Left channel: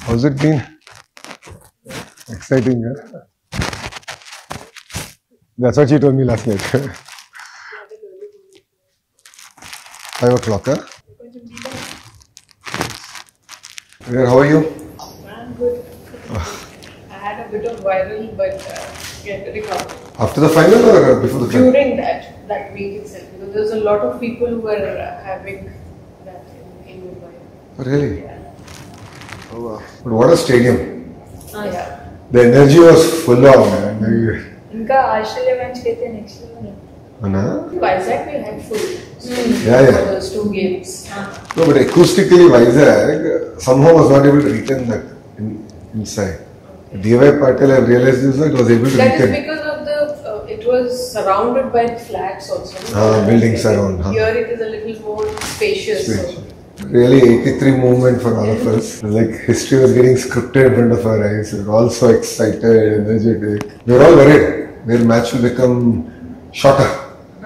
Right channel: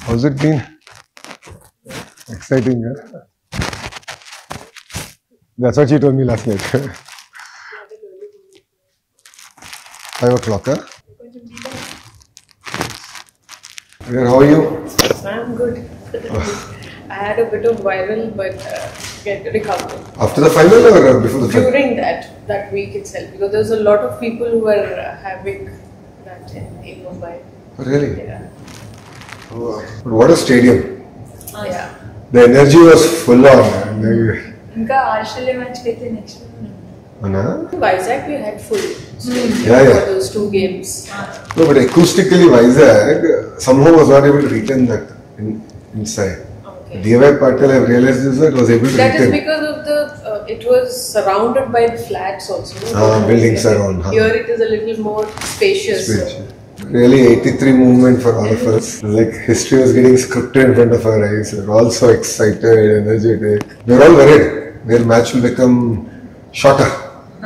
How's it been? Exciting, huh? That's what you told me last night. 5 o'clock, huh? How are you? I'm good. I had a bit of viral, but recovered. After the final or before the final? During that week itself, because there's a lot of people who are having that in Mumbai. Oh, really? Yeah. Oh, wow. But what a stadium. Yeah. The energy was full on. ఇంకా Australia match అయితే next Anna? Vizag we had full. Yeah. For those 2 games. No, but acoustically Vizag somehow was not able to retain that inside. Okay. D.Y. Patil, I've realized this, it was able to That is retain. because of the it was surrounded by the flats also. Buildings around. Here it is a little more spacious. Really 83 movement for all of us. Like history was getting scripted in front of our eyes. We were all so excited, energetic. We were all worried. Their match will become shorter.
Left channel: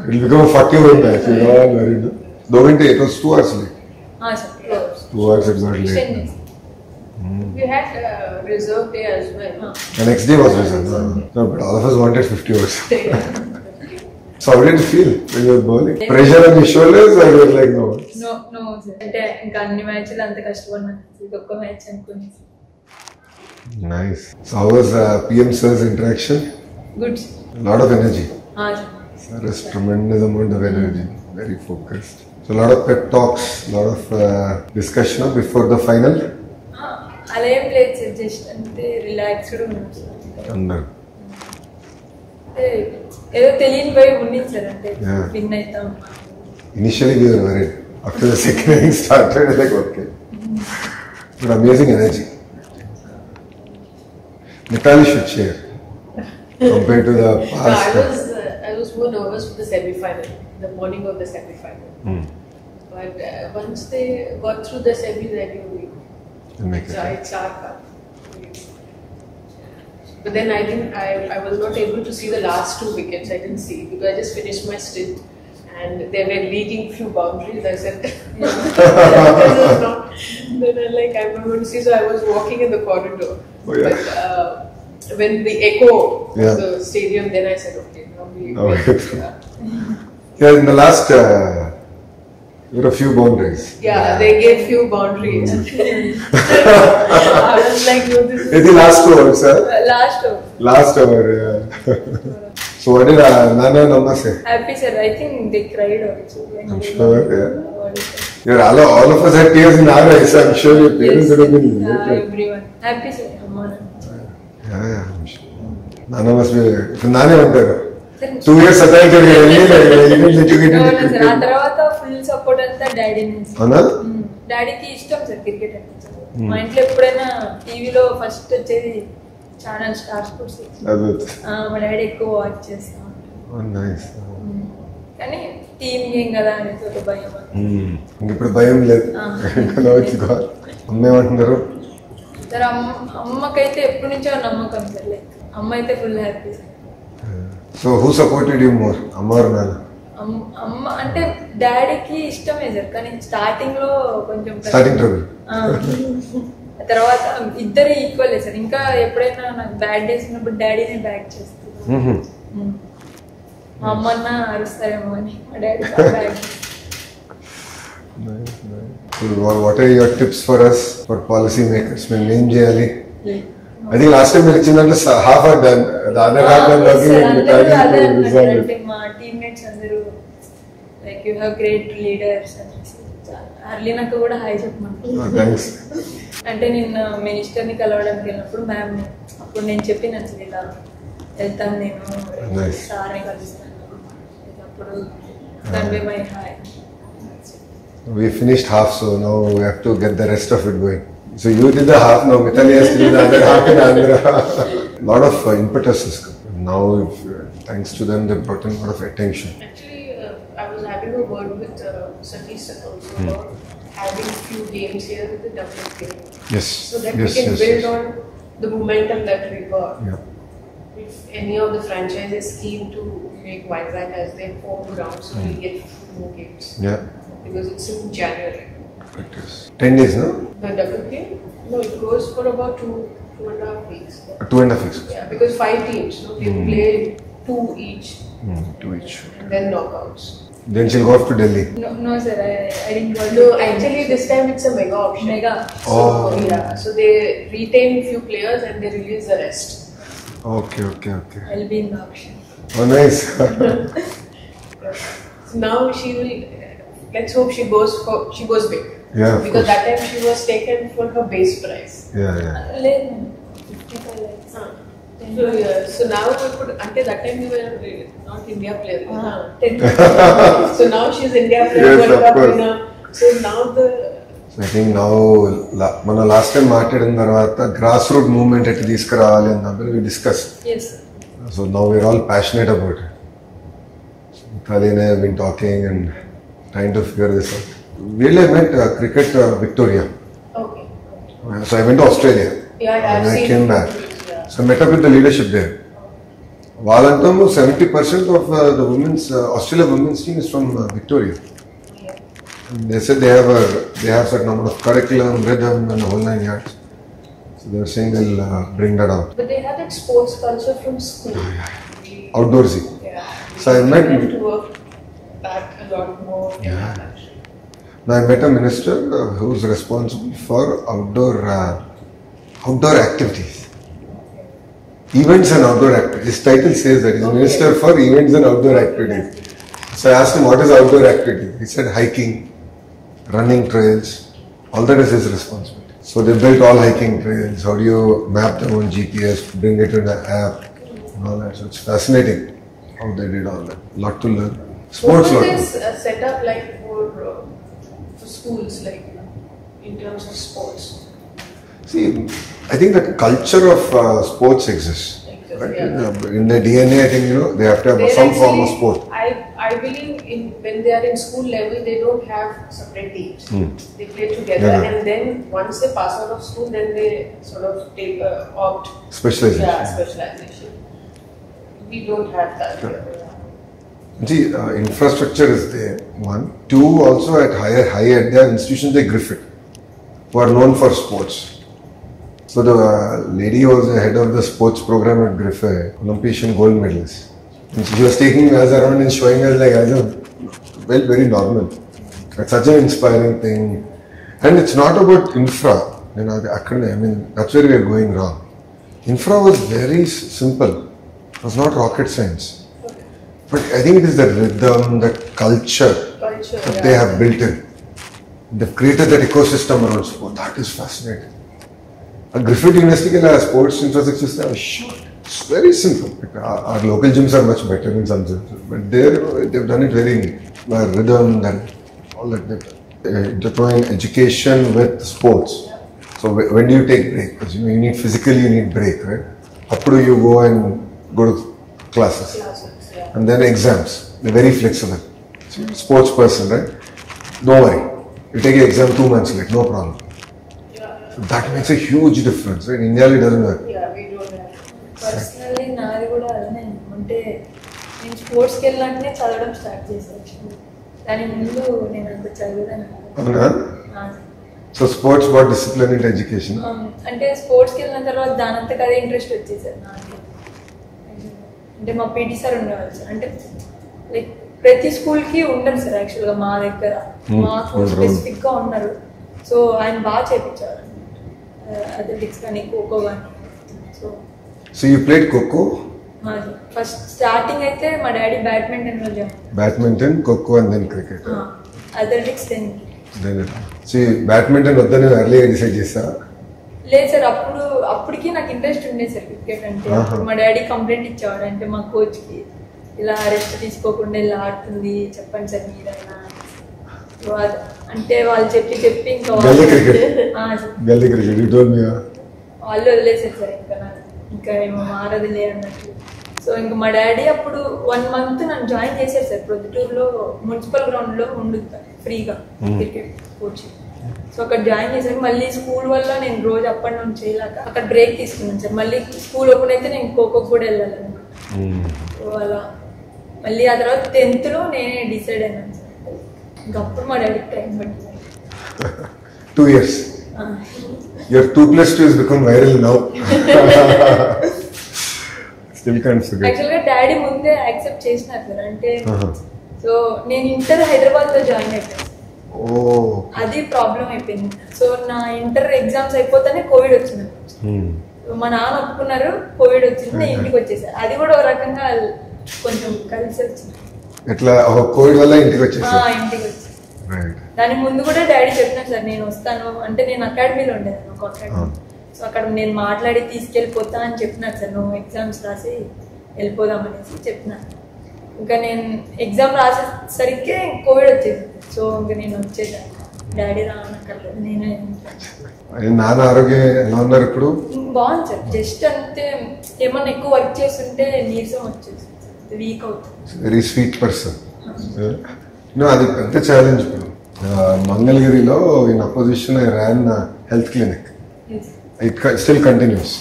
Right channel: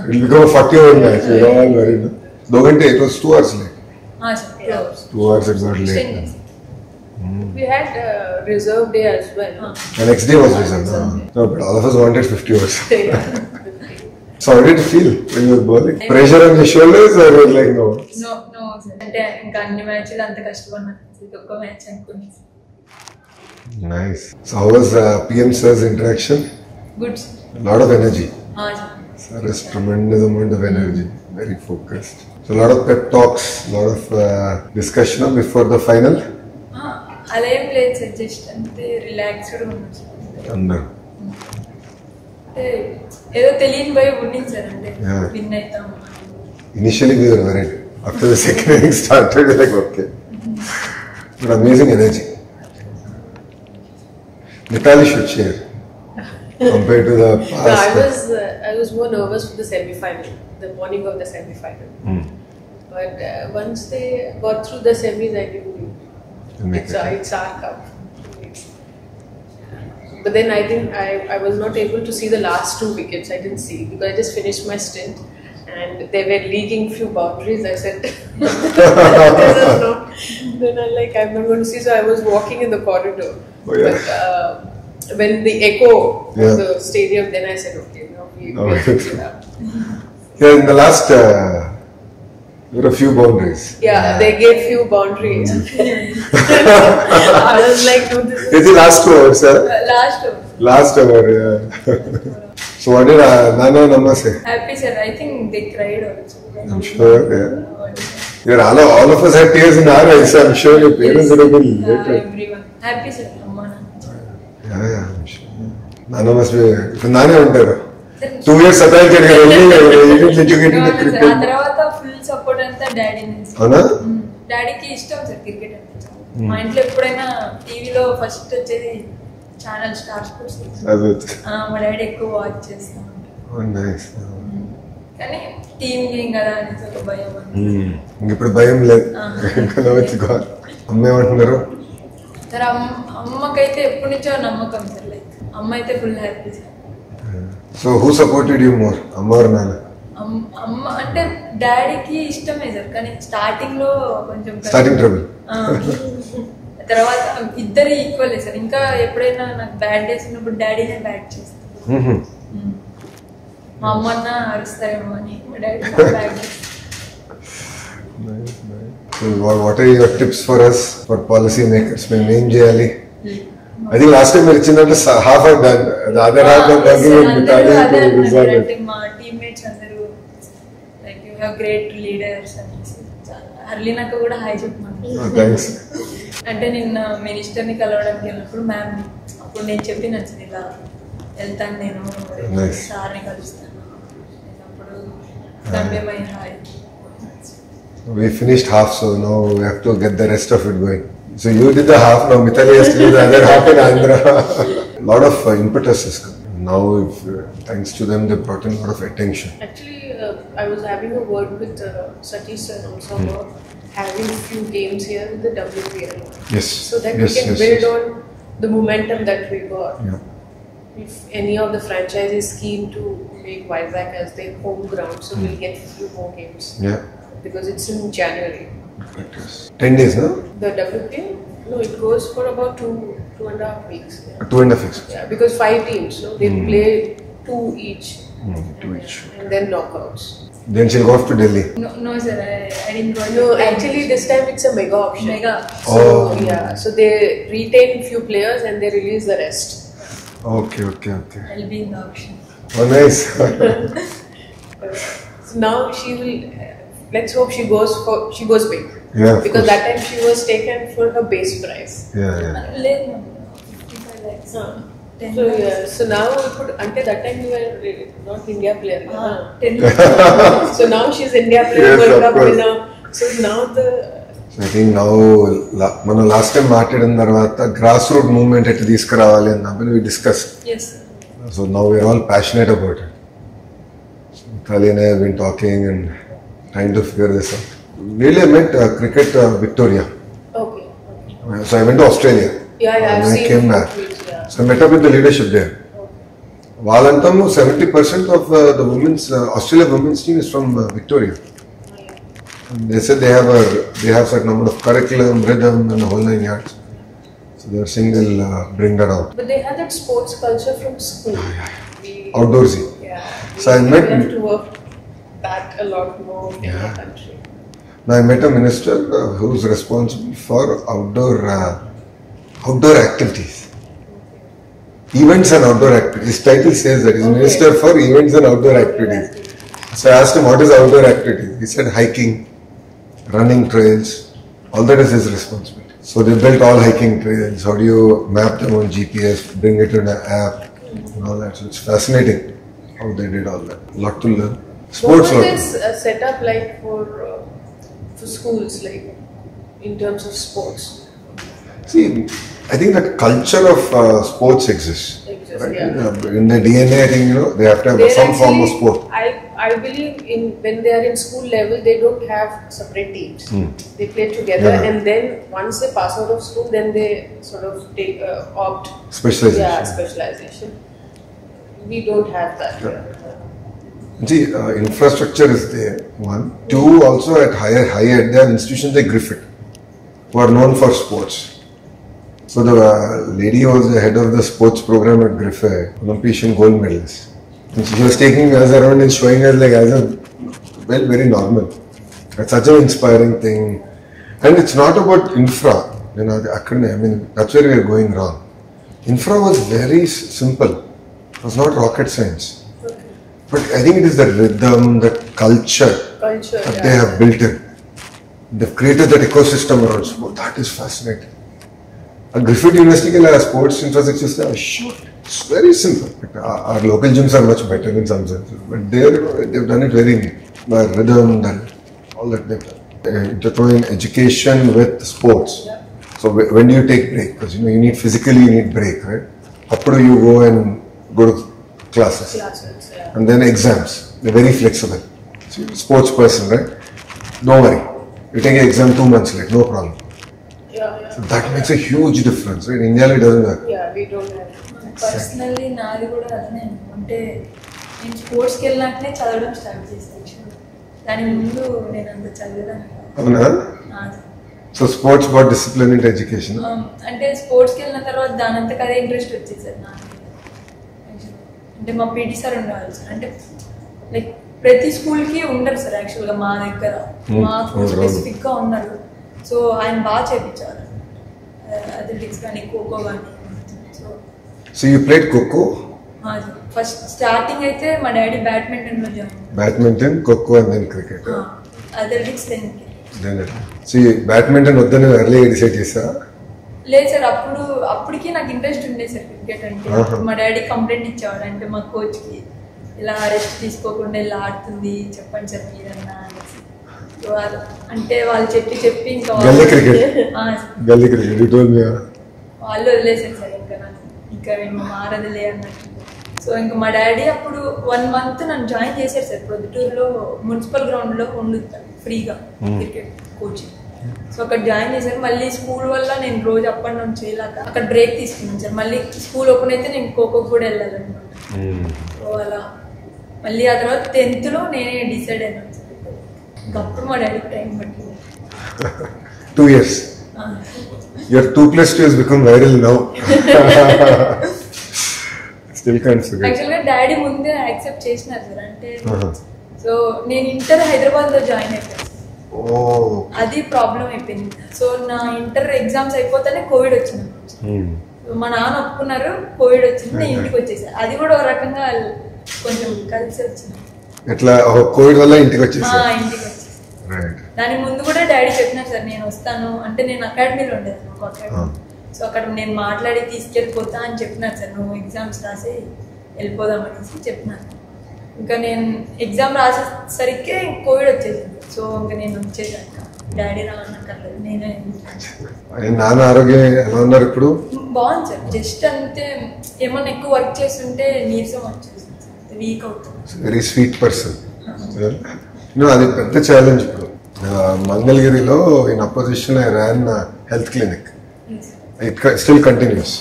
It will become a 40-over match. We were all worried. No? Though it was 2 hours late. 2 hours it got late. We had reserve day as well. The next day was result. No, but all of us wanted 50 overs. So how did it feel when you were bowling? Pressure on your shoulders or you were like no? No sir అంటే ఇంకా అన్ని మ్యాచ్లు అంత కష్టపడినా ఇది ఒక్క మ్యాచ్ అనుకున్నాను. Nice. So how was PM sir's interaction? Good A lot of energy. Sir. Sir has tremendous amount of energy. Very focused. So a lot of pep talks, a lot of discussion before the final. అలా ఏం లేదు sir, just అంతే రిలాక్స్డ్గా ఉన్నాం sir. And అంటే ఏదో తెలియని భయం ఉండింది సార్, అంటే Yeah. విన్ అవుతాం. initially we were worried. After the second inning started, we were like okay. But amazing energy. Mithali should share compared to the No, past. I was more nervous for the semi-final, the morning of the semi-final. But once they got through the semis, I knew We'll make it. it's our cup. But then I think I was not able to see the last 2 wickets. I didn't see because I just finished my stint and they were leading few boundaries. I said, this is not. Then I'm like, I'm not going to see. So I was walking in the corridor. Oh, yeah. But, when the echo Yeah. of the stadium, then I said, okay, now Now we get through. yeah. Yeah, in the last, there were a few boundaries. Yeah, they gave few boundaries. I was like, no, this is It's the last over, sir. Last Last over, yeah. So what did Nana and Amma say? Happy sir. I think they cried also. I'm sure, yeah. You're all of us had tears in our eyes. I'm sure your parents would have been later. Everyone happy sir. అమ్మా నాన్న Yeah, I'm sure. Nana must be. ఇప్పుడు నానే ఉంటారు 2 years సతాయించాడు కదా ఎడ్యుకేటింగ్ ఆ క్రికెట్. తర్వాత full support అంతా డాడీ నుంచి. అవునా? డాడీకి ఇష్టం సార్ క్రికెట్ అంటే. మా ఇంట్లో ఎప్పుడైనా టీవీలో ఫస్ట్ వచ్చేది ఛానల్ స్టార్ స్పోర్ట్స్. అదే. మా డాడీ ఎక్కువ వాచ్ చేస్తా ఉంటారు. Oh, nice. కానీ టీం గేమ్ కదా అనేసి ఒక భయం అని. ఇంక ఇప్పుడు భయం లేదు. వచ్చి అమ్మ ఏమంటున్నారు? సార్ అమ్మకైతే ఎప్పటి నుంచో నమ్మకం సార్. లైక్ అమ్మ అయితే full happy sir. So who supported you more, అమ్మ ఆర్ నాన్న? అమ్మ అంటే డాడీకి ఇష్టమే సార్, కానీ స్టార్టింగ్ లో కొంచెం స్టార్టింగ్ ట్రబుల్. తర్వాత ఇద్దరు ఈక్వల్ సార్. ఇంకా ఎప్పుడైనా నాకు బ్యాడ్ డేస్ ఉన్నప్పుడు డాడీనే బ్యాక్ చేస్తారు. మా అమ్మన్న అరుస్తారేమో అని మా daddy back. So what are your tips for us, for policy makers? మేము ఏం చేయాలి? I think last time మీరు ఇచ్చిందంటే half are done. The other half are working on Mithali to resolve it. మా టీమ్మేట్స్ అందరూ like you have great leaders అని హర్లీనాకు కూడా హాయ్ చెప్పమని. Thanks. అంటే నిన్న మినిస్టర్ని కలవడానికి వెళ్ళినప్పుడు మ్యామ్ అప్పుడు నేను చెప్పిన ఇలా వెళ్తాను నేను Nice. సార్ని కలుస్తాను అప్పుడు తండ్రి my hi. We finished half, so now we have to get the rest of it going. So you did the half, now Mithali has to do the other half in Andhra. Lot of impetus has come. Now, thanks to them, they brought in a lot of attention. Actually, I was having a word with Satish sir also about having a few games here with the WPL. Yes. So that Yes, we can yes, build yes. on the momentum that we got. Yeah. If any of the franchises keen to make Vizag as their home ground, so we'll get a few more games. Yeah. because it's in January. Practice. 10 days, no? The WPL? No, it goes for about 2.5 weeks. Yeah. 2.5 weeks. Yeah, because 5 teams, so they play 2 each 2 each. and then knockouts. Then she'll go off to Delhi. No sir, I didn't go. No, actually this time it's a mega option. Mega. So, Oh. yeah, so they retain few players and they release the rest. Okay. I'll be in the auction. Oh, nice. So now let's hope she goes big. Yeah, of because course. that time she was taken for her base price. Yeah. లేదు 55 lakhs. 10 So lakhs. yeah, so now until that time you were not India player. 10 lakhs. So now she's India player, Yes, World of Cup course. winner. So now So I think now, మనం last time మాట్లాడిన తర్వాత grass root movement ఎట్లా తీసుకురావాలి అన్నప్పుడు we discussed. Yes sir. So now we're all passionate about it. Kali and I have been talking and trying to figure this out. Really, I met cricket Victoria. okay. So I went to Australia. Yeah, And I've I seen came it. back. Yeah. So I met up with the leadership there. Valantamu, 70% of the Australia women's team is from Victoria. And they said they have certain amount of curriculum, rhythm, and the whole 9 yards. So they were saying they'll bring that out. But they had that sports culture from school. We- Outdoorsy. Yeah. So I met- need to work that a lot more in Yeah. the country. Now I met a minister who's responsible for outdoor activities. Events and outdoor activities. His title says that he's Minister for Events and Outdoor Activities. So I asked him, what is outdoor activity? He said hiking, running trails, all that is his responsibility. So they built all hiking trails. How do you map them on GPS, bring it in an app, and all that. So it's fascinating how they did all that. Lot to learn. Sports What lot. is this set up like for schools, like in terms of sports? See, I think that culture of sports exists. Right? Yeah. In their DNA, I think they have to have They're some form of actually- sport. I believe when they are in school level, they don't have separate teams. They play together, Yeah. and then once they pass out of school, then they sort of take opt. Specialization. Yeah, specialization. We don't have that. See, infrastructure is there, one. Two, also at higher, there are institutions like Griffith, who are known for sports. So the lady who was the head of the sports program at Griffith, Olympian gold medalist. And she was taking us around and showing us as a, very normal. It's such an inspiring thing. And it's not about infra. That's where we are going wrong. Infra was very simple. It was not rocket science. But I think it is the rhythm, that culture that they have built in. They've created that ecosystem around sport. That is fascinating. A Griffith University sports infrastructure is short. It's very simple. Our local gyms are much better in some sense. But there, they've done it very neat. The rhythm, all that they've done. Intertwine education with sports. So when do you take break? Because you need physically, you need break, right? Up to you go and go to classes. And then exams. They're very flexible. So you're a sports person, right? Don't worry. You take an exam 2 months late, no problem. So that makes a huge difference, right? India it doesn't work. Yeah, we don't have. Personally నాది కూడా అలానే అంటే నేను స్పోర్ట్స్కి వెళ్ళినాకనే చదవడం స్టార్ట్ చేశాను. దాని ముందు నేను అంత చదివేదాన్ని కాదు. అవునా? So sports but discipline in education. అంటే స్పోర్ట్స్కి వెళ్ళిన తర్వాత దానంతకు అదే ఇంట్రెస్ట్ వచ్చేసారు నాకు. అంటే మా పీటీ సార్ ఉండేవాళ్ళు సార్. అంటే లైక్ ప్రతి స్కూల్కి ఉండరు సార్ యాక్చువల్గా మా దగ్గర. మా స్కూల్ స్పెసిఫిక్గా ఉన్నారు. సో ఆయన బాగా చేయించేవారు అథ్లెటిక్స్ కానీ ఖోఖో కానీ. So you played kho-kho? First starting అయితే మా డాడీ బ్యాడ్మింటన్ లో badminton, kho-kho and then cricket. Athletics so badminton వద్దని ఎర్లీగా డిసైడ్ చేసా? లేదు సార్, అప్పటికి నాకు ఇంట్రెస్ట్ ఉండే సార్ క్రికెట్ అంటే. మా డాడీ కంప్లైంట్ ఇచ్చేవాడు అంటే మా కోచ్కి, ఇలా రెస్ట్ తీసుకోకుండా ఇలా ఆడుతుంది చెప్పండి సార్ మీరైనా. అంటే వాళ్ళు చెప్పి ఇంకా గల్లీ క్రికెట్ వాళ్ళు వదిలేసారు సార్. ఇంకా ఏమో మారదులే అన్నట్టు. సో ఇంకా మా డాడీ అప్పుడు 1 month నన్ను జాయిన్ చేశారు సార్. ప్రొద్దుటూరులో మున్సిపల్ గ్రౌండ్ లో ఉండుతాను ఫ్రీగా క్రికెట్ కోచింగ్. సో అక్కడ జాయిన్ చేశారు. మళ్ళీ స్కూల్ వల్ల నేను రోజు అప్ అండ్ డౌన్ చేయలేక అక్కడ బ్రేక్ తీసుకున్నాను సార్. మళ్ళీ స్కూల్ ఓపెన్ అయితే నేను ఖోఖోకి కూడా వెళ్ళాలన్నమాట. సో అలా మళ్ళీ ఆ తర్వాత 10th లో నేనే డిసైడ్ అయినాను సార్. ఇంకప్పుడు మా డాడీకి టైం పట్టింది. 2 years. Your 2 + 2 has become viral now. Still can't forget. యాక్చువల్గా డాడీ ముందే యాక్సెప్ట్ చేసినారు సార్. అంటే సో నేను ఇంటర్ హైదరాబాద్ లో జాయిన్ అయిపోయాను. అది ప్రాబ్లం అయిపోయింది. సో నా ఇంటర్ ఎగ్జామ్స్ అయిపోతానే కోవిడ్ వచ్చింది. మా నాన్న ఒప్పుకున్నారు, కోవిడ్ వచ్చింది, నేను ఇంటికి వచ్చేసాను. అది కూడా ఒక రకంగా కొంచెం కలిసి వచ్చింది. ఎట్లా కోవిడ్ వల్ల ఇంటికి వచ్చేసా? ఇంటికి వచ్చి దాని ముందు కూడా డాడీ చెప్పినారు సార్ నేను వస్తాను అంటే, నేను అకాడమీలో ఉండేది ఒక అకాడమీ. సో అక్కడ నేను మాట్లాడి తీసుకెళ్ళిపోతా అని చెప్పినారు సార్, నువ్వు ఎగ్జామ్స్ రాసి వెళ్ళిపోదాం అనేసి చెప్పినాను. ఇంకా నేను ఎగ్జామ్ రాసేసరికి కోవిడ్ వచ్చేసింది. సో ఇంకా నేను వచ్చేసాను, డాడీ రానక్కర్లేదు, నేనే. నాన్న ఆరోగ్యం ఎలా ఉన్నారు ఇప్పుడు? బాగుంది సార్. జస్ట్ అంతే ఏమన్నా ఎక్కువ వర్క్ చేస్తుంటే నీరసం వచ్చేసి వీక్ అవుతుంది. Very sweet person. అది పెద్ద ఛాలెంజ్ ఇప్పుడు. మంగళగిరిలో ఇన్ అపోజిషన్ ఐ ర్యాన్ health clinic. It still continues.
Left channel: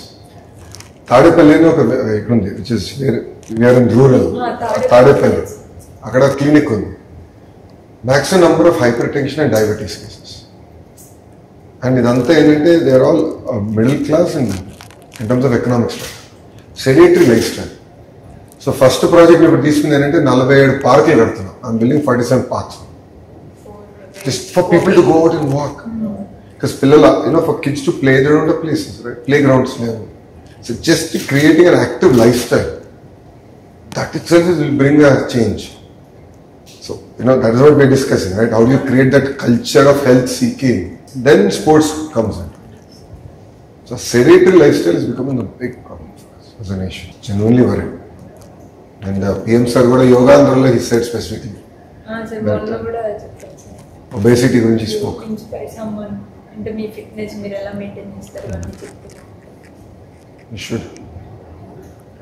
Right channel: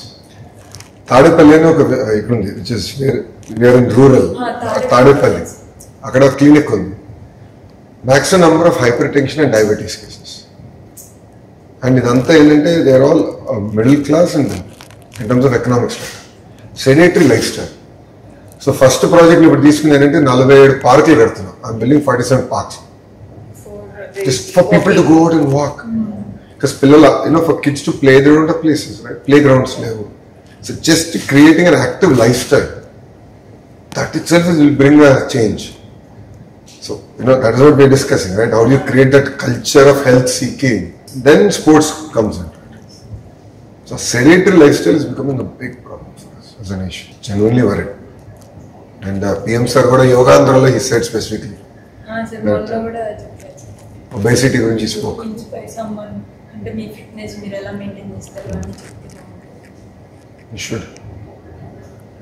Tadepalli అని ఒక ఇక్కడ ఉంది, which is where in rural. Tadepalli అక్కడ క్లినిక్ ఉంది. Maximum number of hypertension and diabetes cases. And ఇదంతా ఏంటంటే they are all middle class and in terms of economic style, sedentary lifestyle. So first project ఇప్పుడు తీసుకుంది ఏంటంటే 47 పార్కులు కడుతున్నాం. I'm building 47 parks just for people to go out and walk. Because పిల్లల for kids to play, they don't have places, right? Playgrounds లేవు. So just creating an active lifestyle, that itself will bring a change. So that is what we are discussing, right? How do you create that culture of health seeking? Then sports comes in. So sedentary lifestyle is becoming a big problem for us as a nation. Genuinely worried. And PM sir kuda yoga androlo he said specifically obesity gurinchi spoke. Inspire someone అంటే మీ ఫిట్నెస్ మీరు ఎలా మెయింటైన్ చేస్తారు అని చెప్తున్నారు. You should.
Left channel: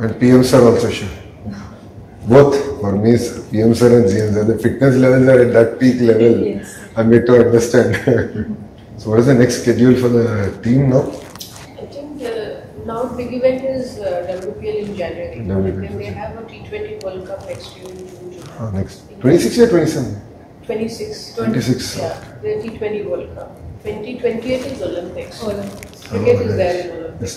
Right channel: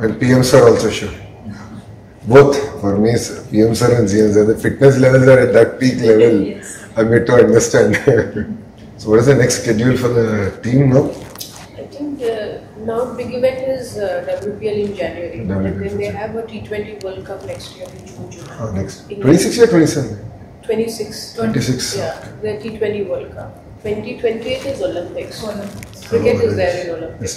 And PM sir also should. Both for me, PM sir and GM sir, the fitness levels are at that peak level. Yes. I'm yet to understand. So what is the next schedule for the team now? I think now big event is WPL in January. WPL. Then they have a T20 World Cup next year in June. Next 26 or 27? 26. 26. Yeah, the T20 World Cup. 2028 is Olympics. Olympics. Cricket is there in Olympics. Yes.